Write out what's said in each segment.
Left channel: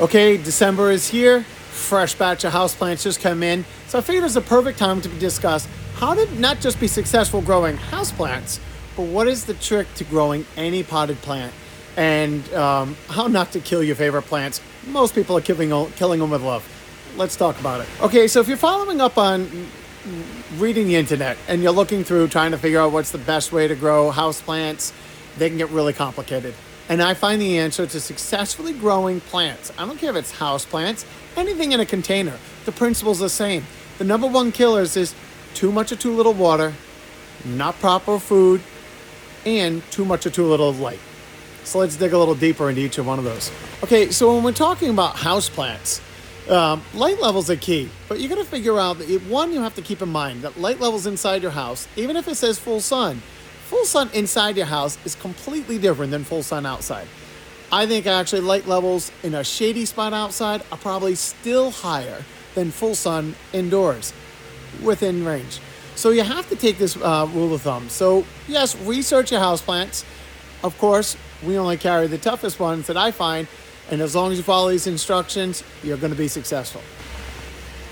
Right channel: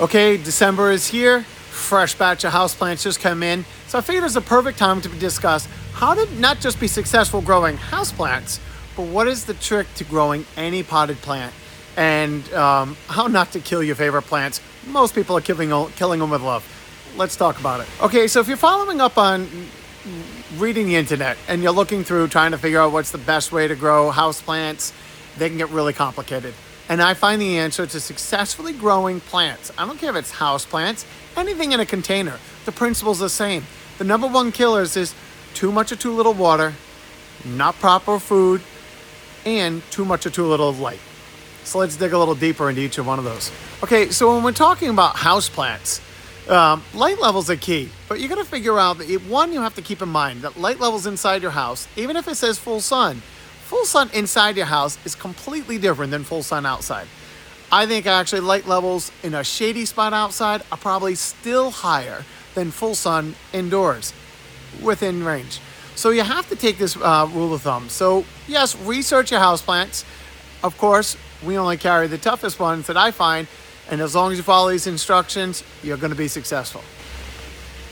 Okay, December is here. Fresh batch of houseplants just come in. So I figured it's a perfect time to discuss how to not just be successful growing houseplants, but what is the trick to growing any potted plant, and how not to kill your favorite plants. Most people are killing them with love. Let's talk about it. Okay, so if you're following up on reading the internet and you're looking through trying to figure out what's the best way to grow houseplants, they can get really complicated. And I find the answer to successfully growing plants, I don't care if it's houseplants, anything in a container, the principle's the same. The number one killers is too much or too little water, not proper food, and too much or too little light. So let's dig a little deeper into each of one of those. Okay, so when we're talking about houseplants, light levels are key, but you got to figure out that one, you have to keep in mind that light levels inside your house, even if it says full sun inside your house is completely different than full sun outside. I think actually light levels in a shady spot outside are probably still higher than full sun indoors within range. So you have to take this rule of thumb. So yes, research your houseplants. Of course, we only carry the toughest ones that I find, and as long as you follow these instructions, you're going to be successful.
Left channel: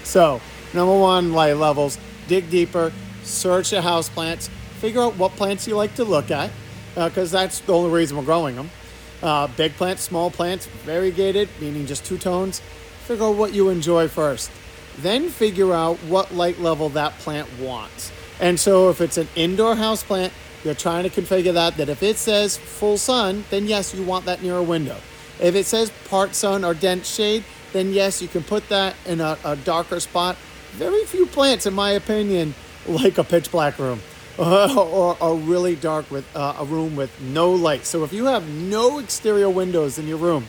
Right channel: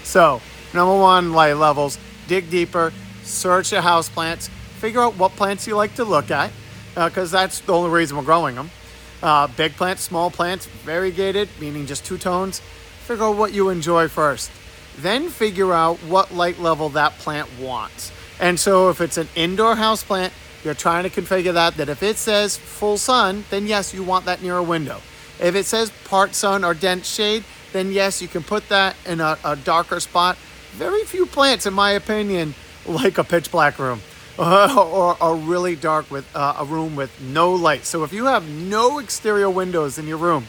So, number one, light levels. Dig deeper, search your houseplants, figure out what plants you like to look at, because that's the only reason we're growing them. Big plants, small plants, variegated, meaning just two tones. Figure out what you enjoy first. Then figure out what light level that plant wants. And so if it's an indoor houseplant, you're trying to configure that if it says full sun, then yes, you want that near a window. If it says part sun or dense shade, then yes, you can put that in a darker spot. Very few plants, in my opinion, like a pitch black room or a really dark with a room with no light. So if you have no exterior windows in your room,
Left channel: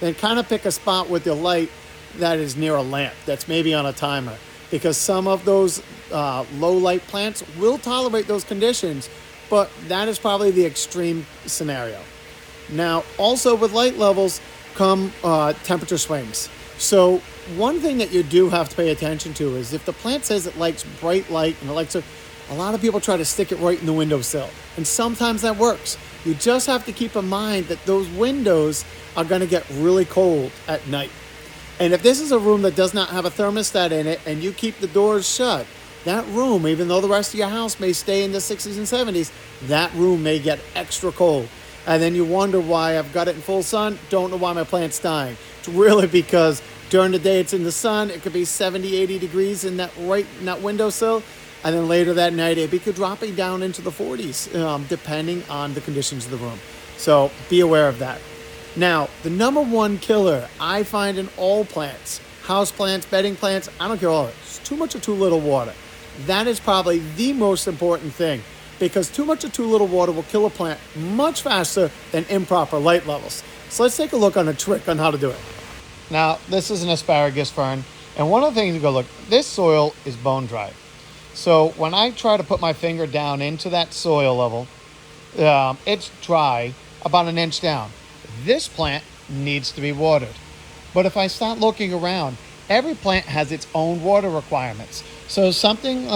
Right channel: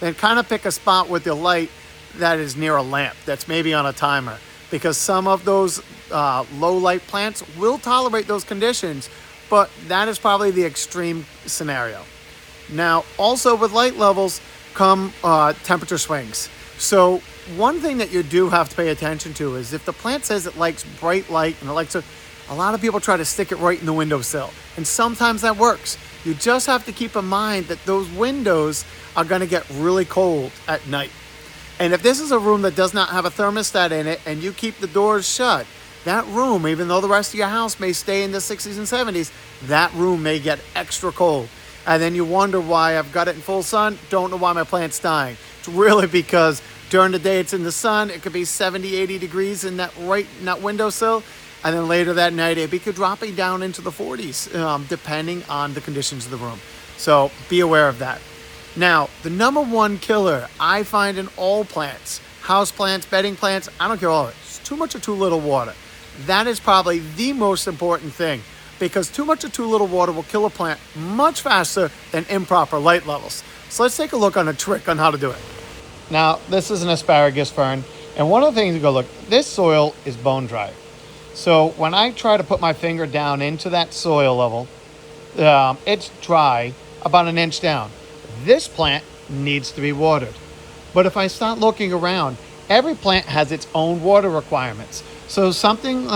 then kind of pick a spot with your light that is near a lamp that's maybe on a timer, because some of those low light plants will tolerate those conditions, but that is probably the extreme scenario. Now, also with light levels come temperature swings. So one thing that you do have to pay attention to is if the plant says it likes bright light and it likes a lot of people try to stick it right in the windowsill, and sometimes that works. You just have to keep in mind that those windows are going to get really cold at night. And if this is a room that does not have a thermostat in it and you keep the doors shut, that room, even though the rest of your house may stay in the 60s and 70s, that room may get extra cold. And then you wonder why I've got it in full sun, don't know why my plant's dying. It's really because during the day it's in the sun, it could be 70, 80 degrees in that windowsill. And then later that night, it could drop down into the 40s, depending on the conditions of the room. So be aware of that. Now, the number one killer I find in all plants, house plants, bedding plants, I don't care all of it, it's too much or too little water. That is probably the most important thing, because too much or too little water will kill a plant much faster than improper light levels. So let's take a look on a trick on how to do it. Now, this is an asparagus fern, and one of the things you go, look, this soil is bone dry. So when I try to put my finger down into that soil level, it's dry about an inch down. This plant needs to be watered. But if I start looking around, every plant has its own water requirements. So something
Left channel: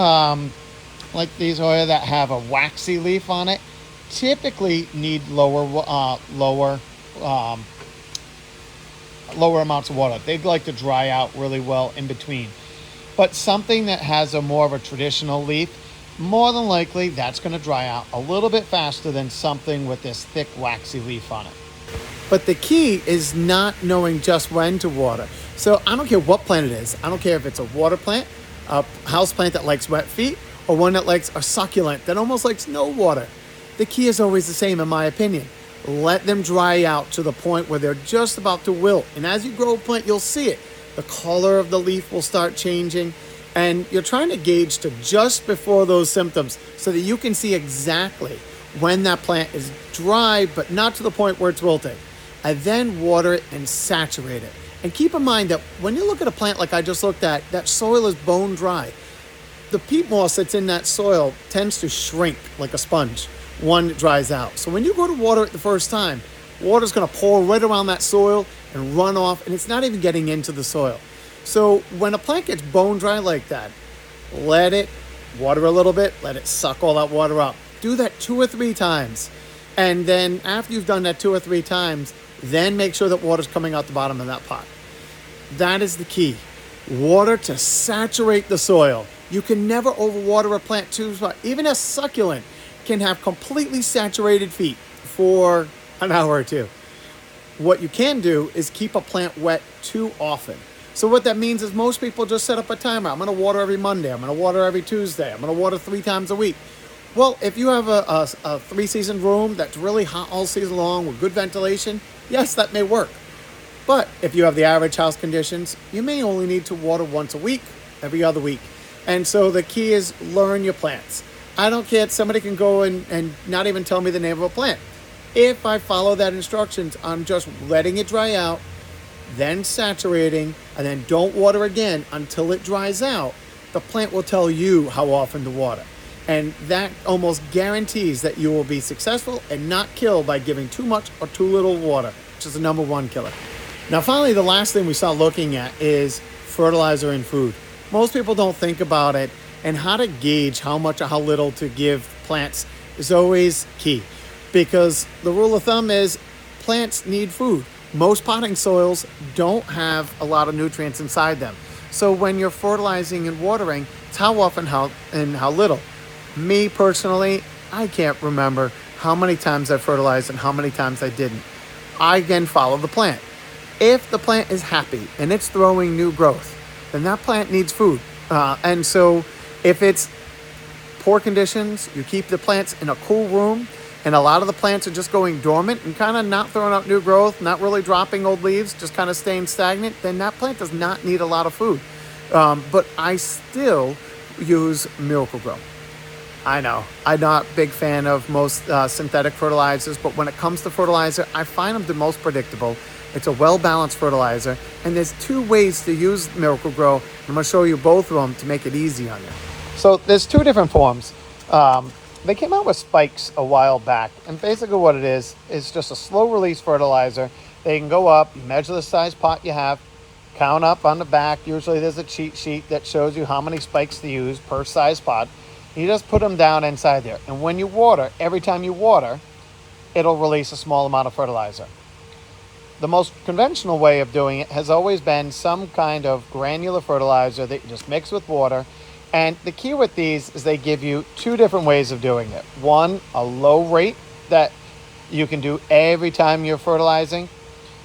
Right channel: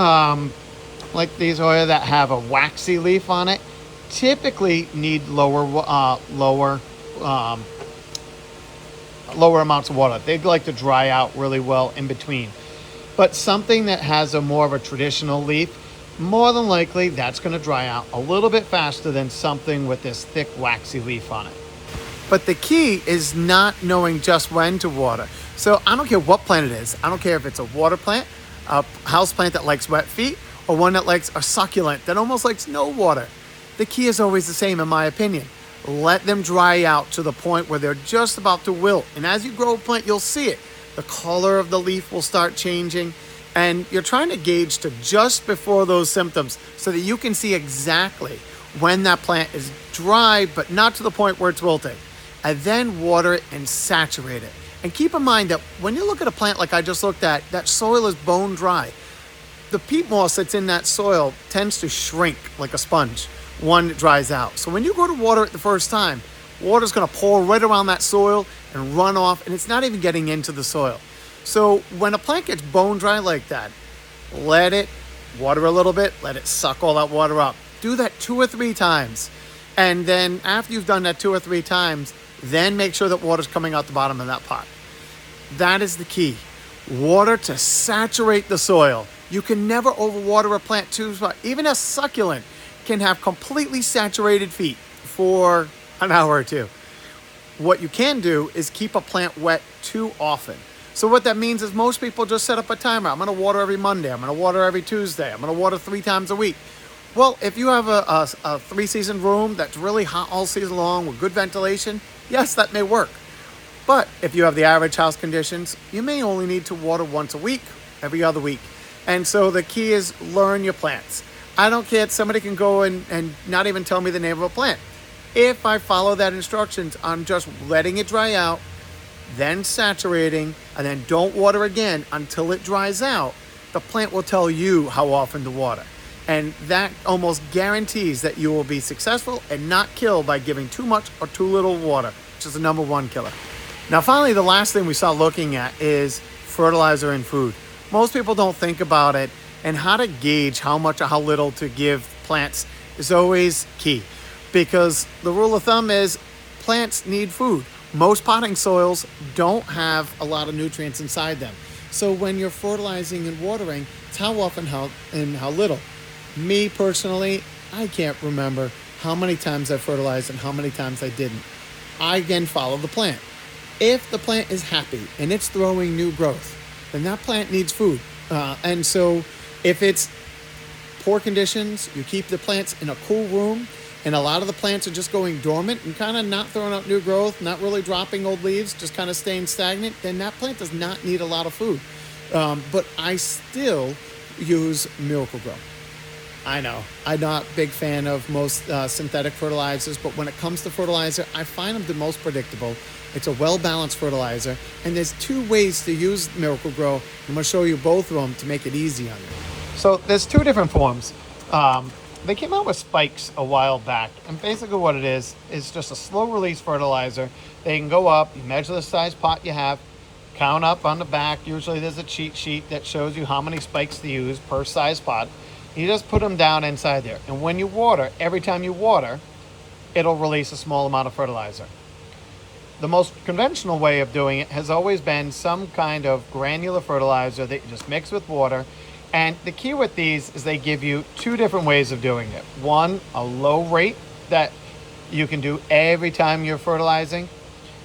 like these oil that have a waxy leaf on it typically need lower amounts of water. They like to dry out really well in between. But something that has a more of a traditional leaf, more than likely that's going to dry out a little bit faster than something with this thick waxy leaf on it. But the key is not knowing just when to water. So I don't care what plant it is. I don't care if it's a water plant, a house plant that likes wet feet, or one that likes a succulent that almost likes no water. The key is always the same, in my opinion. Let them dry out to the point where they're just about to wilt. And as you grow a plant, you'll see it. The color of the leaf will start changing, and you're trying to gauge to just before those symptoms so that you can see exactly when that plant is dry, but not to the point where it's wilting. And then water it and saturate it. And keep in mind that when you look at a plant like I just looked at, that soil is bone dry. The peat moss that's in that soil tends to shrink like a sponge when it dries out. So when you go to water it the first time, water's going to pour right around that soil and run off, and it's not even getting into the soil. So when a plant gets bone dry like that, let it water a little bit, let it suck all that water up. Do that 2 or 3 times. And then after you've done that 2 or 3 times, then make sure that water's coming out the bottom of that pot. That is the key. Water to saturate the soil. You can never overwater a plant too much. Even a succulent can have completely saturated feet for an hour or two. What you can do is keep a plant wet too often. So what that means is most people just set up a timer. I'm going to water every Monday. I'm going to water every Tuesday. I'm going to water 3 times a week. Well, if you have a 3-season room that's really hot all season long with good ventilation, yes, that may work. But if you have the average house conditions, you may only need to water once a week, every other week. And so the key is learn your plants. I don't care if somebody can go and not even tell me the name of a plant. If I follow that instructions, I'm just letting it dry out, then saturating, and then don't water again until it dries out. The plant will tell you how often to water. And that almost guarantees that you will be successful and not killed by giving too much or too little water, which is the number one killer. Now, finally, the last thing we start looking at is fertilizer and food. Most people don't think about it, and how to gauge how much or how little to give plants is always key, because the rule of thumb is plants need food. Most potting soils don't have a lot of nutrients inside them. So when you're fertilizing and watering, it's how often and how little. Me personally, I can't remember how many times I fertilized and how many times I didn't. I again follow the plant. If the plant is happy and it's throwing new growth, then that plant needs food. And so if it's poor conditions, you keep the plants in a cool room, and a lot of the plants are just going dormant and kind of not throwing out new growth, not really dropping old leaves, just kind of staying stagnant, then that plant does not need a lot of food. But I still use Miracle-Gro. I know, I'm not a big fan of most synthetic fertilizers, but when it comes to fertilizer, I find them the most predictable. It's a well-balanced fertilizer, and there's 2 ways to use Miracle-Gro. I'm going to show you both of them to make it easy on you. So there's 2 different forms. They came out with spikes a while back, and basically what it is just a slow-release fertilizer. They can go up, you measure the size pot you have, count up on the back. Usually there's a cheat sheet that shows you how many spikes to use per size pot. You just put them down inside there, and when you water, every time you water, it'll release a small amount of fertilizer. The most conventional way of doing it has always been some kind of granular fertilizer that you just mix with water. And the key with these is they give you 2 different ways of doing it. One, a low rate that you can do every time you're fertilizing.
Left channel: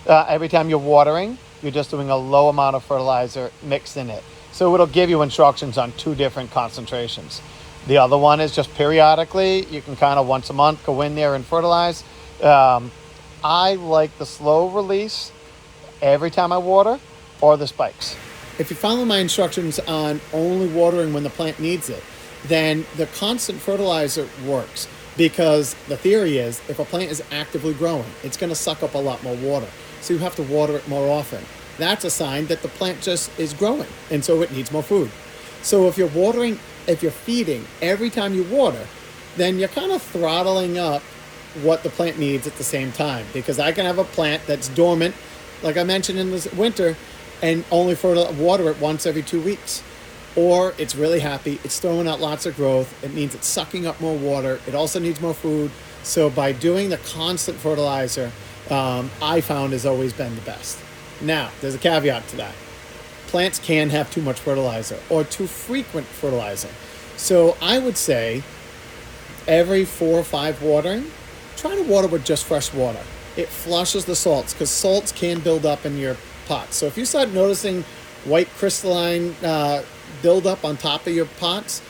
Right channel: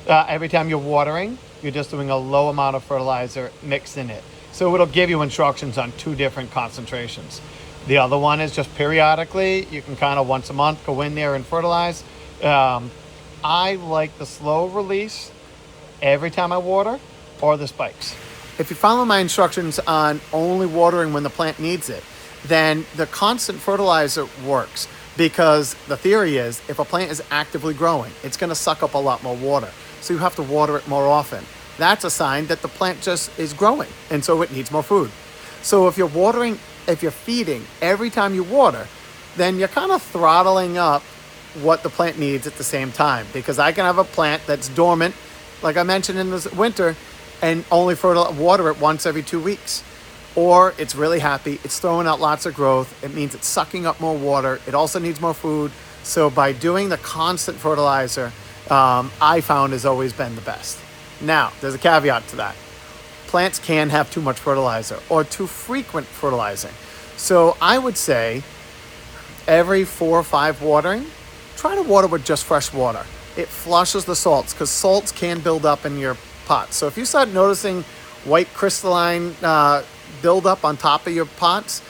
Every time you're watering, you're just doing a low amount of fertilizer mixed in it. So it'll give you instructions on 2 different concentrations. The other one is just periodically, you can kind of once a month go in there and fertilize. I like the slow release every time I water, or the spikes. If you follow my instructions on only watering when the plant needs it, then the constant fertilizer works, because the theory is if a plant is actively growing, it's going to suck up a lot more water. So you have to water it more often. That's a sign that the plant just is growing, and so it needs more food. So if you're feeding every time you water, then you're kind of throttling up what the plant needs at the same time, because I can have a plant that's dormant, like I mentioned in the winter, and only water it once every 2 weeks. Or it's really happy, it's throwing out lots of growth, it means it's sucking up more water, it also needs more food. So by doing the constant fertilizer, I found has always been the best. Now, there's a caveat to that. Plants can have too much fertilizer or too frequent fertilizing. So I would say every 4 or 5 watering, try to water with just fresh water. It flushes the salts, because salts can build up in your pots. So if you start noticing white crystalline buildup on top of your pots,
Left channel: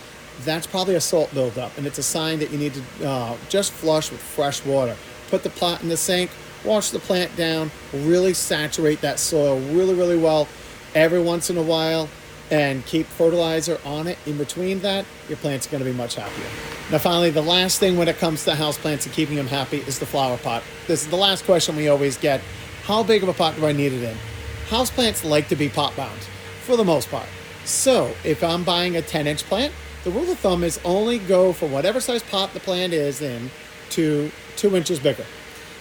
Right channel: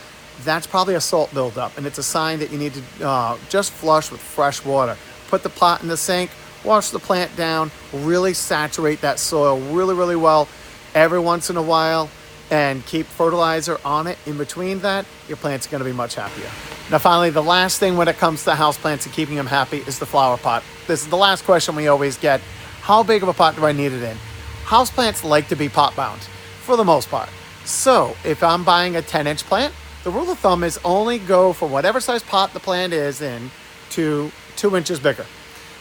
that's probably a salt buildup, and it's a sign that you need to just flush with fresh water. Put the pot in the sink, wash the plant down, really saturate that soil really, really well every once in a while, and keep fertilizer on it in between that. Your plant's going to be much happier. Now finally, the last thing when it comes to houseplants and keeping them happy is the flower pot. This is the last question we always get. How big of a pot do I need it in? Houseplants like to be pot bound for the most part. So if I'm buying a 10-inch plant, the rule of thumb is only go for whatever size pot the plant is in to 2 inches bigger.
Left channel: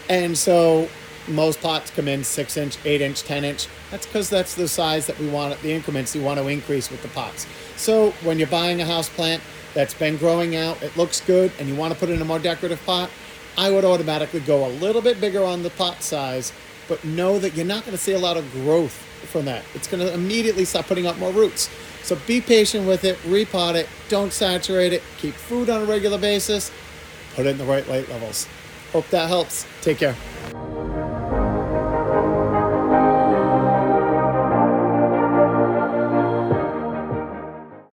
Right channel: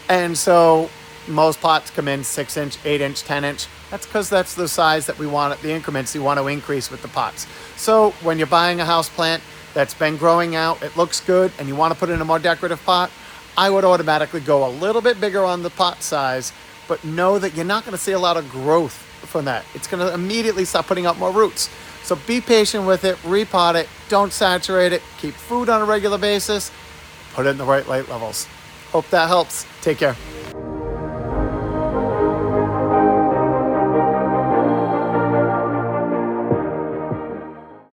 And so most pots come in 6-inch, 8-inch, 10-inch. That's because that's the size that we want, the increments you want to increase with the pots. So when you're buying a house plant that's been growing out, it looks good, and you want to put it in a more decorative pot, I would automatically go a little bit bigger on the pot size, but know that you're not going to see a lot of growth from that. It's going to immediately start putting out more roots. So be patient with it, repot it, don't saturate it, keep food on a regular basis, put it in the right light levels. Hope that helps. Take care.